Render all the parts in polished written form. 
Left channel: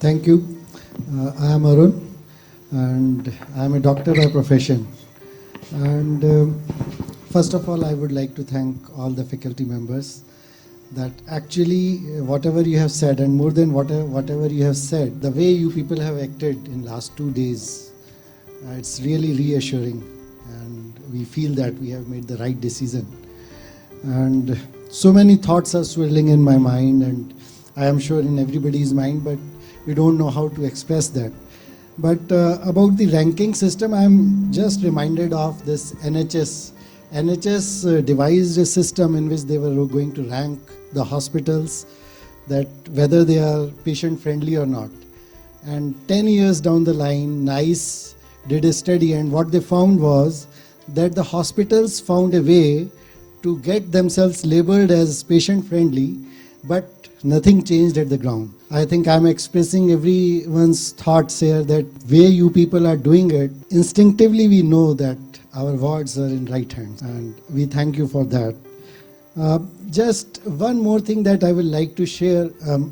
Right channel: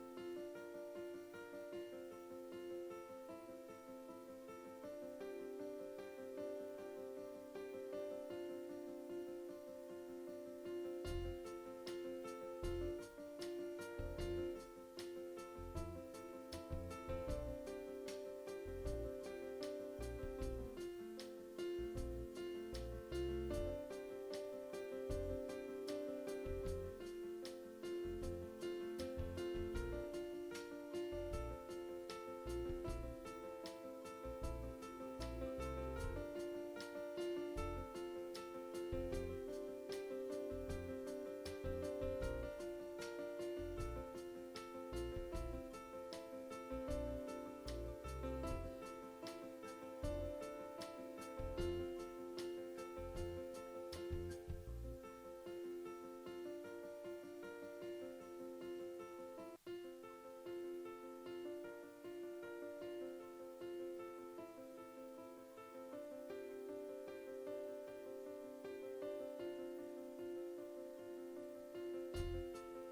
Thank you. I am Arun and I am a doctor by profession. And first of all, I would like to thank all the faculty members that actually whatever you have said and more than whatever you have said, the way you people have acted in last 2 days, it's really reassuring and we feel that we have made the right decision. And so many thoughts are swirling in my mind and I am sure in everybody's mind, but we don't know how to express that. But about the ranking system, I'm just reminded of this NHS. NHS devised a system in which they were going to rank the hospitals, that whether they are patient friendly or not. And 10 years down the line, NICE did a study and what they found was that the hospitals found a way to get themselves labeled as patient friendly, but nothing changed at the ground. I think I'm expressing everyone's thoughts here that way you people are doing it, instinctively we know that our wards are in right hands and we thank you for that. Just one more thing that I would like to share,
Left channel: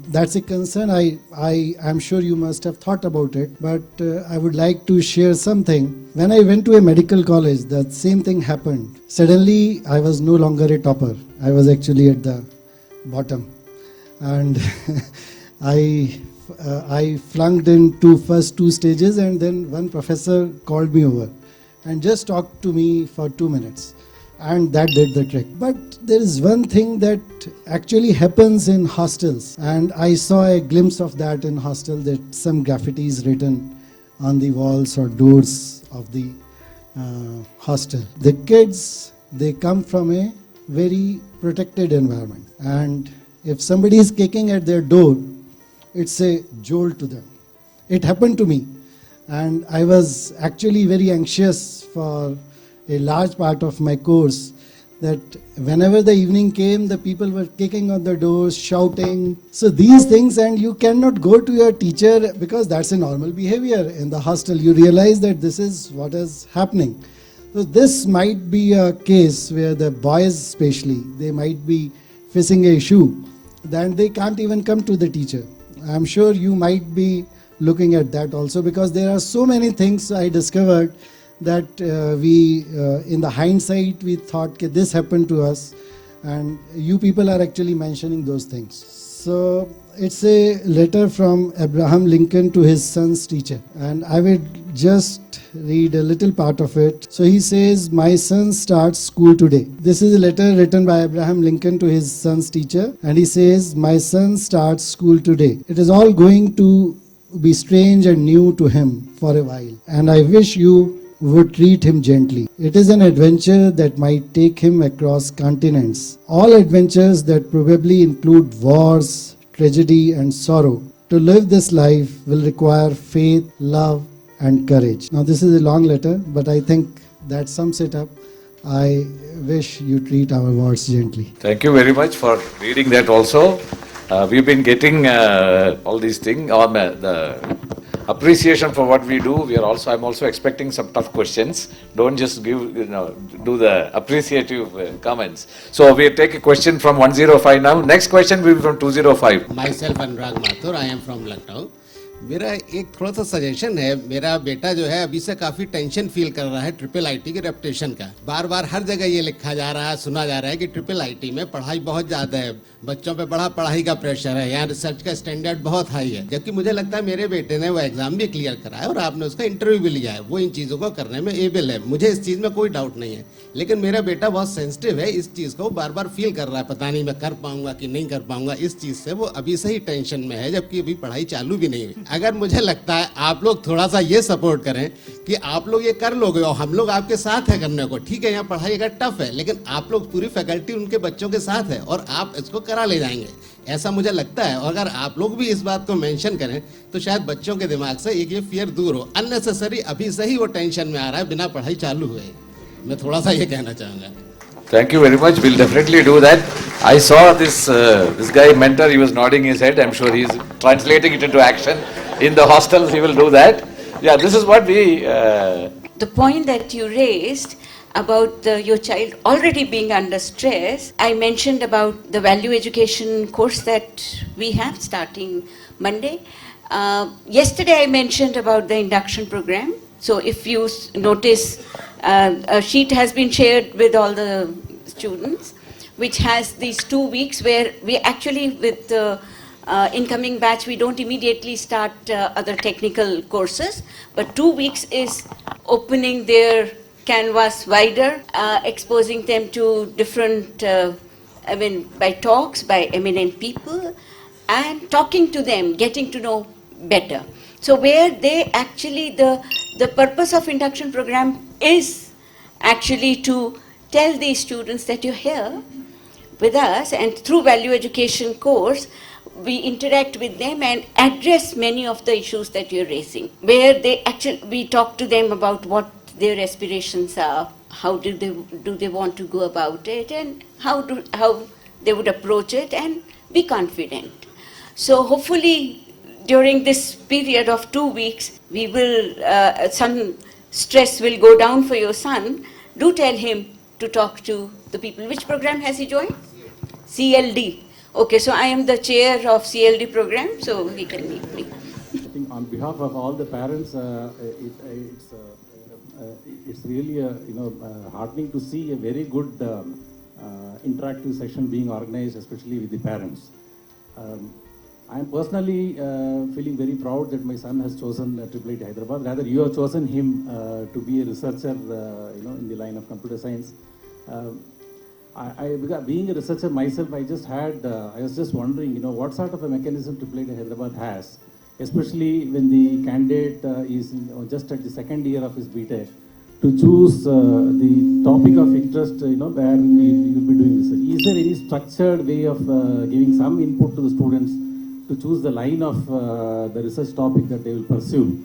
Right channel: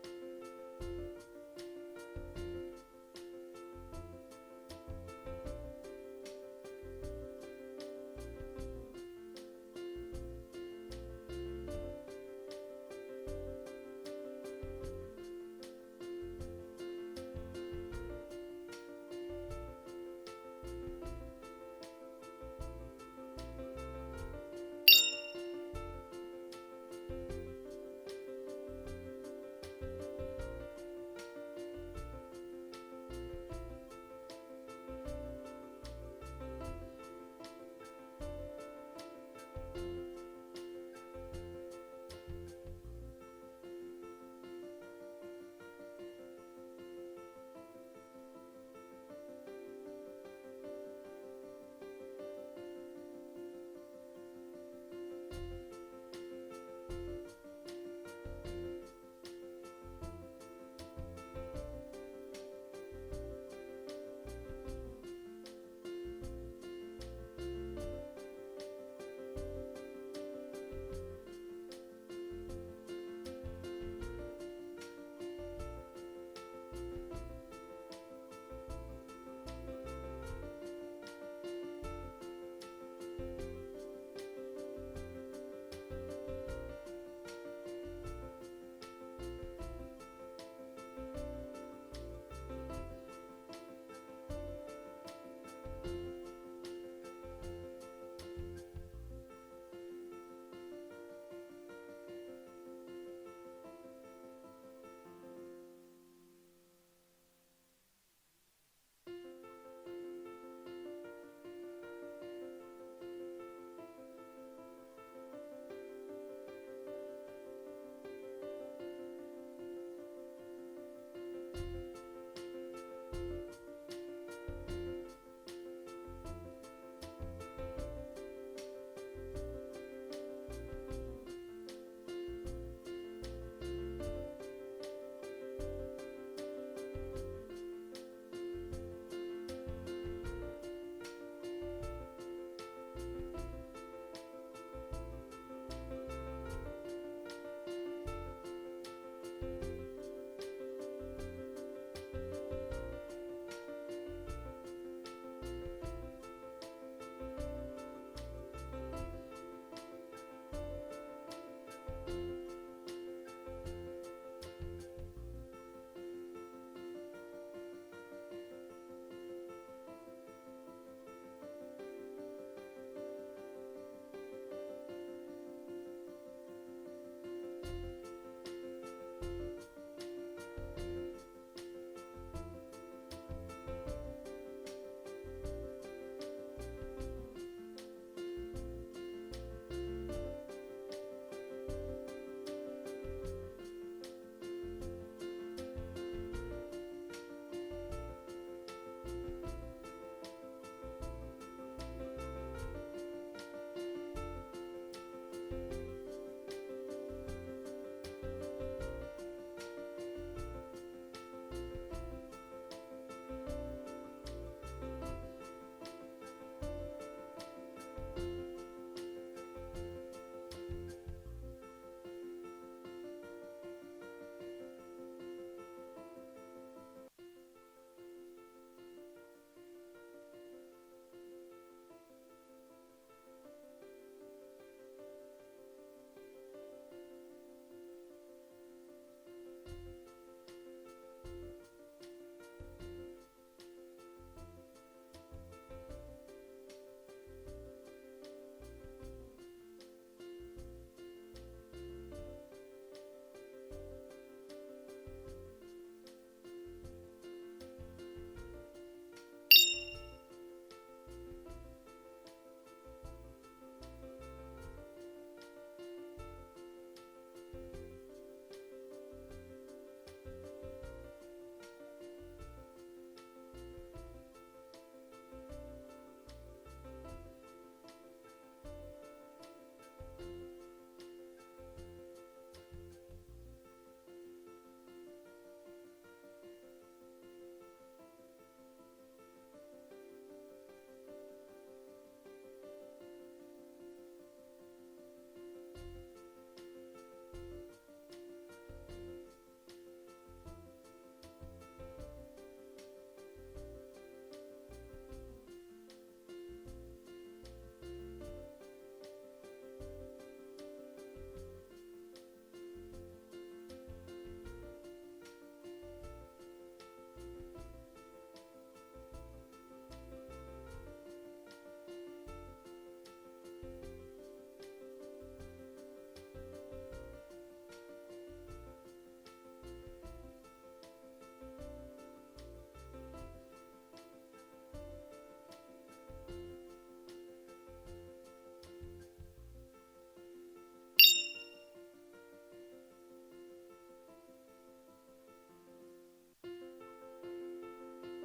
that's a concern, I'm sure you must have thought about it, but I would like to share something. When I went to a medical college, that same thing happened. Suddenly, I was no longer a topper. I was actually at the bottom. And I flunked into first 2 stages and then one professor called me over and just talked to me for 2 minutes. And that did the trick. But there is one thing that actually happens in hostels, and I saw a glimpse of that in hostel, that some graffiti is written on the walls or doors of the hostel. The kids, they come from a very protected environment, and if somebody is kicking at their door, it's a jolt to them. It happened to me, and I was actually very anxious for a large part of my course, that whenever the evening came, the people were kicking on the doors, shouting. So these things, and you cannot go to your teacher because that's a normal behavior in the hostel. You realize that this is what is happening. So this might be a case where the boys especially, they might be facing an issue, then they can't even come to the teacher. I'm sure you might be looking at that also, because there are so many things I discovered that in the hindsight, we thought okay, this happened to us, and you people are actually mentioning those things. So it's a letter from Abraham Lincoln to his son's teacher, and I will just read a little part of it. So he says, "My son starts school today." This is a letter written by Abraham Lincoln to his son's teacher, and he says, "My son starts school today. It is all going to be strange and new to him for a while, and I wish you would treat him gently. It is an adventure that might take him across continents. All adventures that probably include wars, tragedy, and sorrow. To live this life will require faith, love, and courage." Now, this is a long letter, but I think that sums it up. I wish you treat our wards gently. Thank you very much for reading that also. We've been getting all these things on the appreciation for what we do. I'm also expecting some tough questions. Don't just do the appreciative comments. So we take a question from 105 now. Next question will be from 205. Myself Anurag Mathur, I am from Lucknow. मेरा एक थोड़ा सा suggestion है. मेरा बेटा जो है अभी से काफी टेंशन फील कर रहा है IIIT के रेपुटेशन का. बार बार हर जगह ये लिखा जा रहा है, सुना जा रहा है कि IIIT में पढ़ाई बहुत ज्यादा है, बच्चों पे बड़ा पढ़ाई का प्रेशर है, यहाँ रिसर्च का स्टैंडर्ड बहुत हाई है. जबकि मुझे लगता है मेरे बेटे ने वो एग्जाम भी क्लियर करा है और आपने उसका इंटरव्यू भी लिया है, वो इन चीज़ों को करने में एबल है. मुझे इस चीज़ में कोई डाउट नहीं है, लेकिन मेरा बेटा बहुत सेंसिटिव है, इस चीज़ को बार बार फील कर रहा है, पता नहीं मैं कर पाऊंगा कि नहीं कर पाऊंगा. इस चीज़ से वो अभी से ही टेंशन में है, जबकि अभी पढ़ाई चालू भी नहीं हुई. अगर मुझे लगता है आप लोग थोड़ा सा ये सपोर्ट करें कि आप लोग ये कर लोगे और हम लोग आपके साथ है करने को. ठीक है, यहाँ पढ़ाई अगर टफ है, लेकिन आप लोग पूरी फैकल्टी उनके बच्चों के साथ है और आप इसको करा ले जाएंगे, ऐसा मुझे लगता है. और अगर आप लोग भी इस बात को मेंशन करें तो शायद बच्चों के दिमाग से एक ये फियर दूर हो. अननेसेसरी अभी से ही वो टेंशन में आ रहा है बिना पढ़ाई चालू हुए. मैं थोड़ा सा ये कहना चाहूँगा. Thank you very much. We'll definitely do that. I saw this guy mentor. He was nodding his head. I'm sure he's translating it into action. In the hostels, he will do that. Yeah, this is what we... The point that you raised about your child already being under stress, I mentioned about the value education course that we have starting Monday. Yesterday I mentioned about the induction program. So if you notice, a sheet has been shared with all the students, which has these 2 weeks where we actually, with the incoming batch, we don't immediately start other technical courses, but 2 weeks is opening their canvas wider, exposing them to different, by talks by eminent people, and talking to them, getting to know better. So where they actually, the purpose of induction program is actually to tell these students that you're here with us, and through value education course, we interact with them and address many of the issues that you're raising, where they actually, we talk to them about what their aspirations are, how do they want to go about it, and how they would approach it and be confident. So hopefully during this period of 2 weeks, we will, some stress will go down for your son. Do tell him to talk to the people. Which program has he joined? CLD. Okay, so I am the chair of CLD program, so he can meet me. I think on behalf of all the parents, it's really heartening to see a very good interactive session being organized, especially with the parents. I am personally feeling very proud that my son has chosen IIIT Hyderabad. Rather, you have chosen him to be a researcher, in the line of computer science. Being a researcher myself, I was just wondering, what sort of a mechanism IIIT Hyderabad has, especially when the candidate is just at the second year of his BTech, to choose the topic of interest, where you will be doing research. Is there any structured way of giving some input to the students to choose the line of the research topic that they will pursue?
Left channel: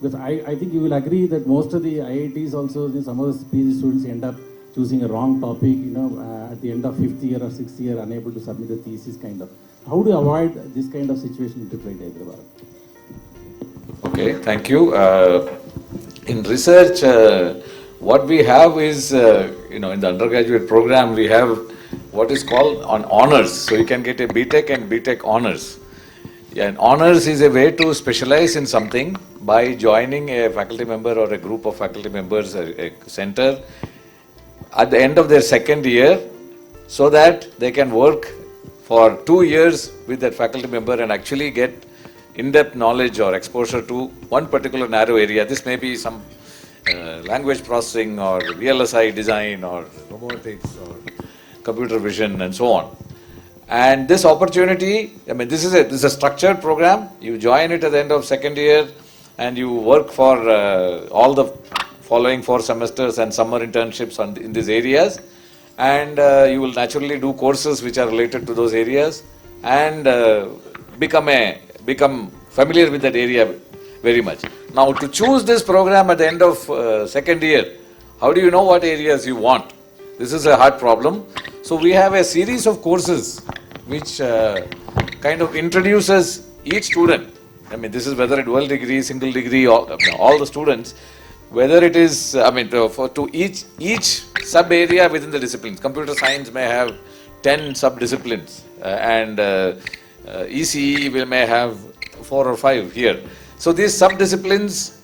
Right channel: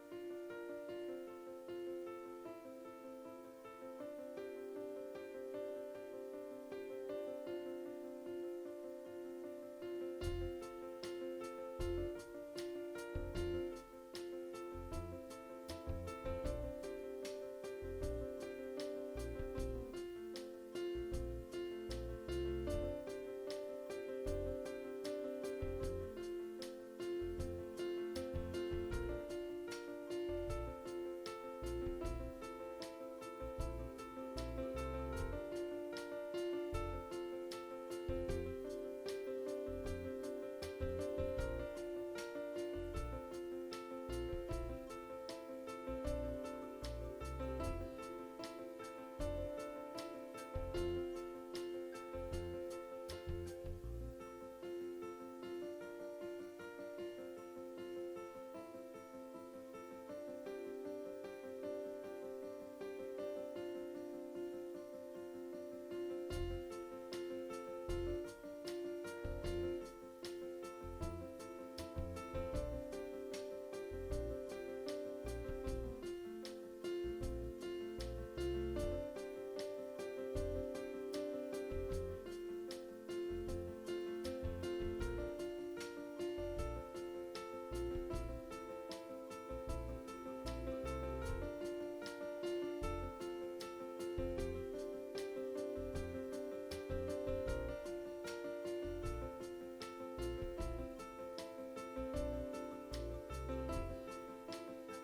Because I think you will agree that most of the IITs also, some of the PhD students end up choosing a wrong topic, at the end of 5th year or 6th year, unable to submit a thesis kind of. How do you avoid this kind of situation in IIIT Hyderabad? Okay, thank you. In research, what we have is, in the undergraduate program, we have what is called on honors. So you can get a BTech and BTech honors. Yeah, and honors is a way to specialize in something by joining a faculty member or a group of faculty members, a center, at the end of their second year, so that they can work for 2 years with that faculty member and actually get in-depth knowledge or exposure to one particular narrow area. This may be some language processing or VLSI design or robotics or computer vision and so on. And this opportunity, this is a structured program. You join it at the end of second year and you work for all the following 4 semesters and summer internships in these areas. And you will naturally do courses which are related to those areas and become familiar with that area very much. Now, to choose this program at the end of second year, how do you know what areas you want? This is a hard problem. So we have a series of courses which kind of introduces each student. This is whether a dual degree, single degree, all the students, whether it is, to each sub area within the disciplines. Computer science may have 10 sub-disciplines and ECE may have 4 or 5 here. So these sub-disciplines,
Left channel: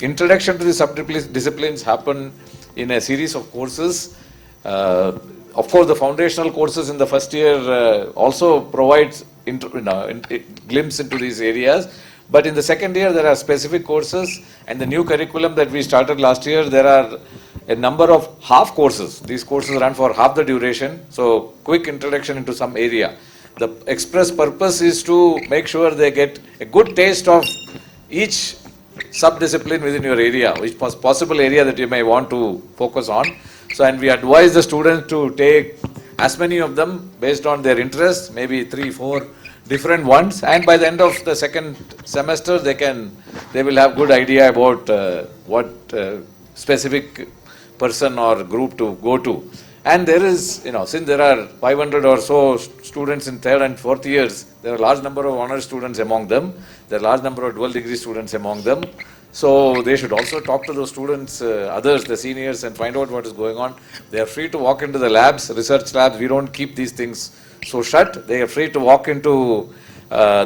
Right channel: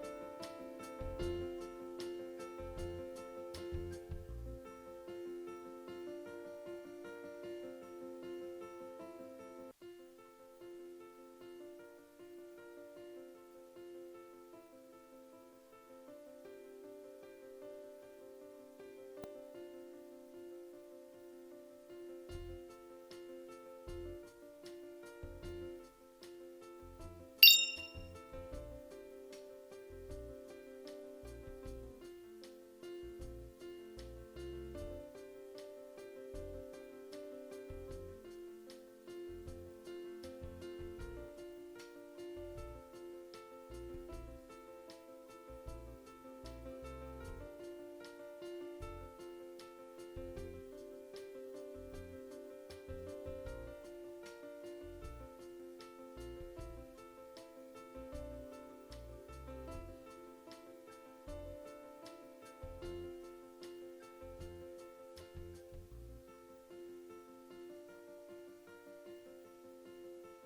introduction to the sub-disciplines happen in a series of courses. Of course, the foundational courses in the first year also provides glimpse into these areas. But in the second year, there are specific courses, and the new curriculum that we started last year, there are a number of half courses. These courses run for half the duration, so quick introduction into some area. The express purpose is to make sure they get a good taste of each sub-discipline within your area, which possible area that you may want to focus on. So, and we advise the students to take as many of them based on their interests, maybe 3, 4 different ones, and by the end of the second semester they will have good idea about what specific person or group to go to. And there is, since there are 500 or so students in third and fourth years, there are a large number of honors students among them, there are a large number of dual degree students among them. So they should also talk to those students, others, the seniors, and find out what is going on. They are free to walk into the labs, research labs. We don't keep these things so shut. They are free to walk into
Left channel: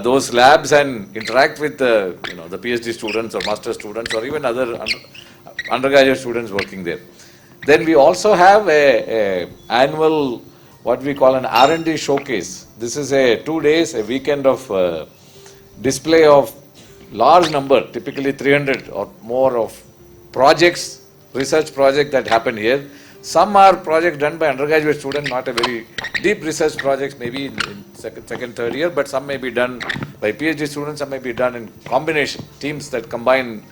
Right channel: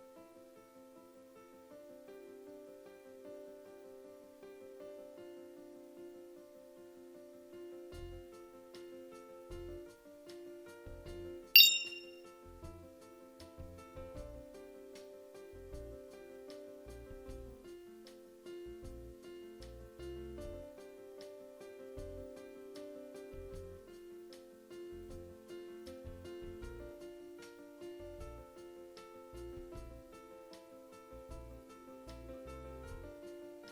those labs and interact with the PhD students or master students or even other undergraduate students working there. Then we also have a annual, what we call an R&D showcase. This is a 2 days, a weekend of display of large number, typically 300 or more of projects, research projects that happen here. Some are projects done by undergraduate students, not a very deep research projects, maybe in second, third year, but some may be done by PhD students, some may be done in combination, teams that combine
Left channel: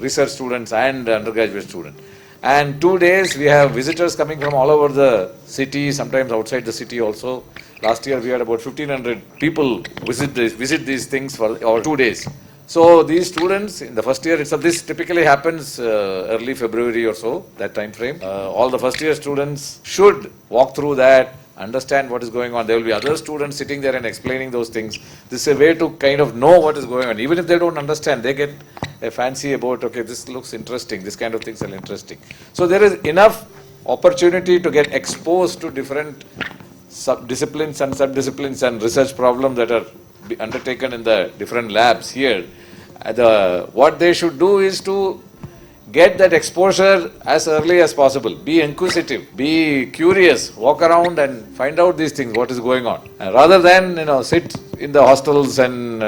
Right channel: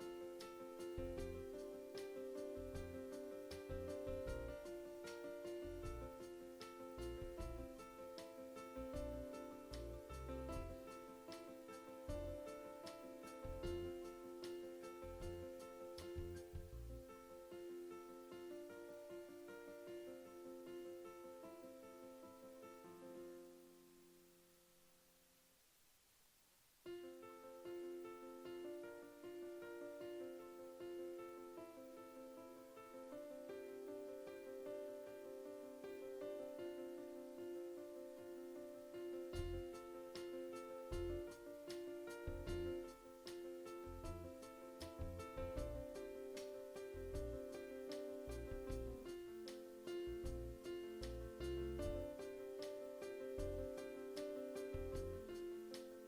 research students and undergraduate students. And 2 days, we have visitors coming from all over the city, sometimes outside the city also. Last year, we had about 1,500 people visit these things for our 2 days. So these students in the first year itself, this typically happens early February or so, that time frame. All the first year students should walk through that, understand what is going on. There will be other students sitting there and explaining those things. This is a way to kind of know what is going on. Even if they don't understand, they get a fancy about, okay, this looks interesting, this kind of things are interesting. So there is enough opportunity to get exposed to different disciplines and research problems that are undertaken in the different labs here. What they should do is to get that exposure as early as possible. Be inquisitive, be curious, walk around and find out these things, what is going on. Rather than sit in the hostels and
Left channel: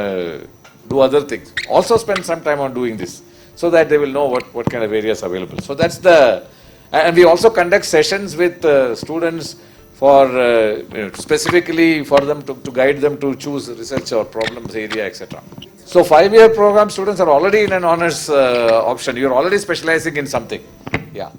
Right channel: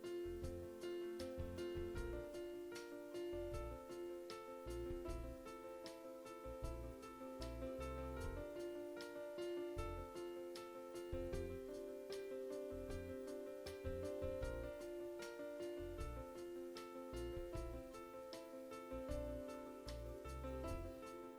do other things. Also spend some time on doing this so that they will know what kind of areas are available. So that's and we also conduct sessions with students for specifically for them to guide them to choose research or problems area, etc. So 5-year program students are already in an honors option. You're already specializing in something. Yeah.